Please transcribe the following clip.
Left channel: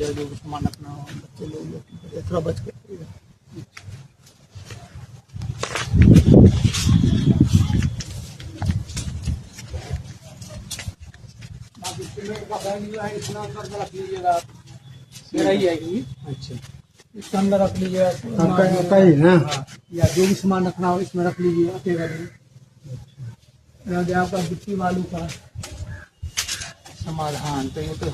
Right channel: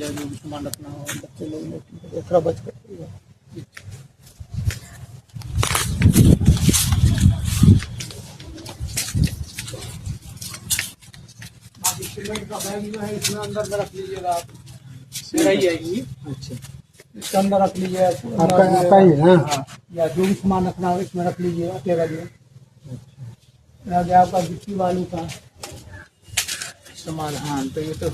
जो उस्मानत ना हो बच्चे लोग थोड़ा बच के बाकी सीमेंट का बैग जो है इसमें अंदर में रख लीजिएगा आप, मेरा ही आएगी। अच्छा, इसके अंदर रख लीजिए आपका ही ना, या जो भी सामान रखना हो इसमें रख लीजिए अकेला जो। अच्छा, आपका गिट्टी वालू का सामान। हाँ तो ये तो